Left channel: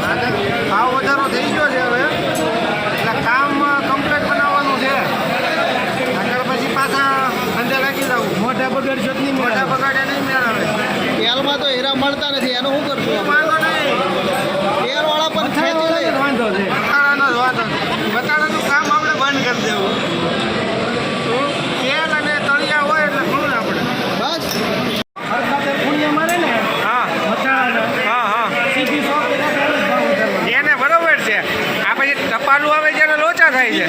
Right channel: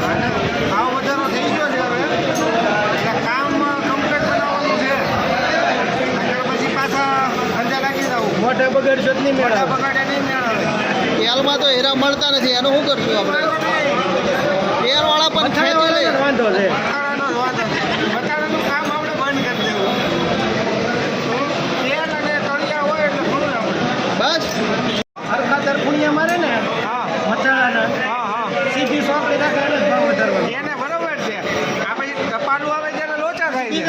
ભાવ વધારો થઈ ગયો છે હવે, એટલે કામ કમ્પ્લીટ બનાવવાનું છે. આગળ પછી પાછા ધંધે લાગી જવું. મોટા બગાડશો નહીં, મોટા બગાડે નહીં મેળવે. તેલમાં તો હીરા મળતા નથી, એનું શું કરશું આપણે? તેલવાળા પણ ખેંચી લે. વાંધો છે, બટાટાનું કામ આપણે બંધ કરી દેવું. તેલ અને તળિયા હોય એટલે ઘણું આપણે બસ ખાતર પુણ્ય મારે ને. હા મથાળાના. હા હા સીધી શોપ એને બરોબર છે. આ પછી ટપાલું આવે જ્યારે લોચા થાય છે.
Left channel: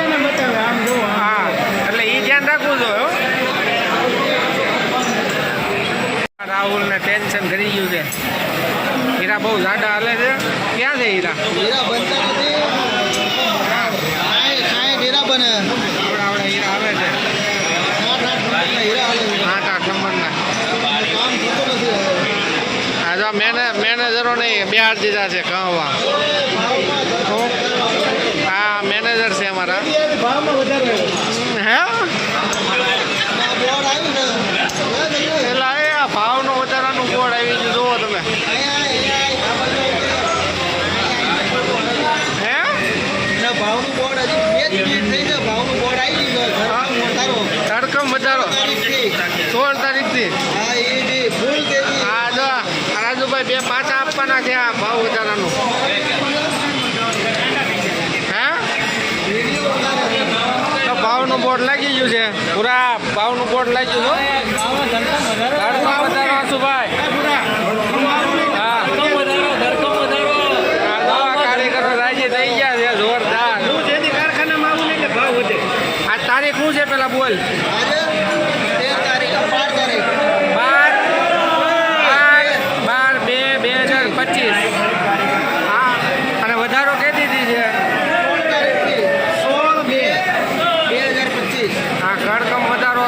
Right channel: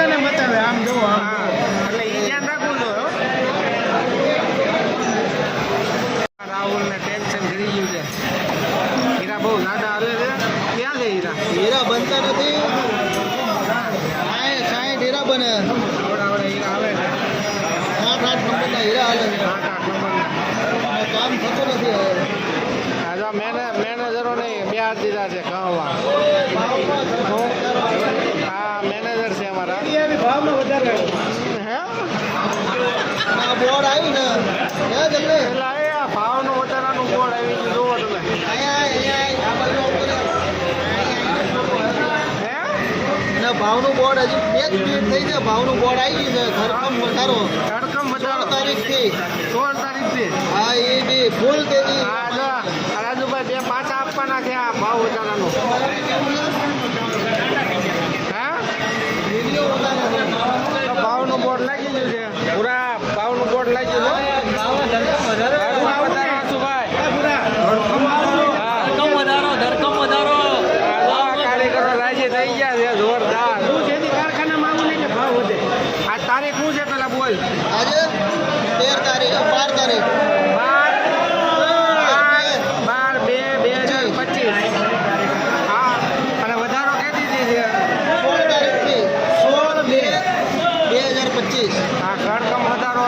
હા એટલે એ ધ્યાન રાખવું જોઈએ. રાહુલને ટેન્શન કરી ગયું છે. હીરા બહુ જાડા હાલે છે. ક્યાં છે હીરા? હીરા બનતા નથી. કાંઈ હીરા બને. હીરા હાલે છે. 8 હીરા હાલે છે. 8 નંબરના. કામ થતું નથી હવે. આ જો મેનેજરો નહીં બિહાર દીધા છે કહવા. હા મેનેજર છે અમારા. હે બોર્ડ આવ્યું ને એટલે એ આ ભાવનું વધારાનું બોર્ડ આવી ગયું. જુઓ તમે. હે ના ભાવનું બોર્ડ હજી 2 મિનિટ થઈ છે. ભાવનું બોર્ડ આવી ગયું છે. ધરકમ વધારો 16 તારીખથી. હા એ જે ફૂલ તેજી. હા જો રાજુભાઈ 2 પાછા આપવાના છે આ ભાવ વધારાનું. હે તો ભાવનું બોર્ડ લાગી ગયું છે. પૂરા ભાવનું બોર્ડ લાગી ગયું. કારીગરો રાજી થઈ ગયા છે જોરદાર. આ તારીખ શું છે પેલા બોલ? આજે 13 તારીખ 12 તારીખ 12/2/2025. હા અને વધારો કે દીધી છે 16 તારીખથી 16/2/2025. હા ઘરકમ વધારો